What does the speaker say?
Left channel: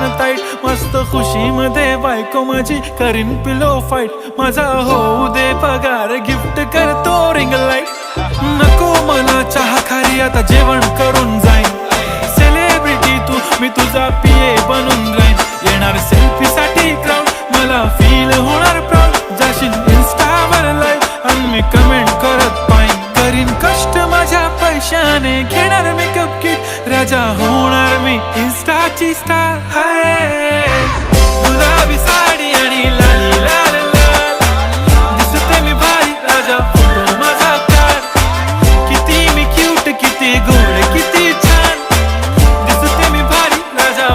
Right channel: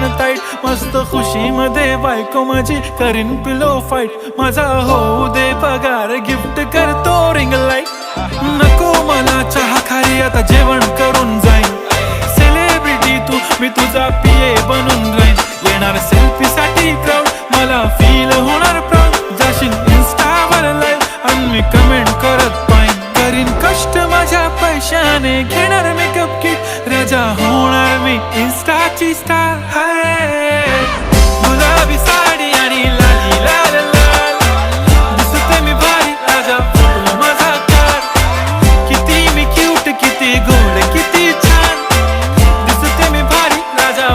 पण ताईट, मस्त खुशी मध्ये बायको माझी करीन पिलो फाईट, माझा होऊ दे पगार गिफ्ट करतो रिंग लाईट, नको मला चहा खारी आता जेवण करून जाईन, सेलिब्रिटी तू मी तुझा पिये बनून राहीन, येणार सेल्फी साठी क्राऊड मला फील होणार प्राऊड, जाशील इन्स्टावर लाईव्ह आणि मी कमेंट करत पाईन, करीन कष्ट माझ्या पैशाने घेणार मेकअप किट, राजा होणार मी इन्स्टाची स्टार, हाय गुलाबी साडी आणि लाली लाल लाल, दिसते मी भारी राजा फोटो माझा काढ, किती मी क्यूट किती गोड किती छान, दिसते मी भारी राजा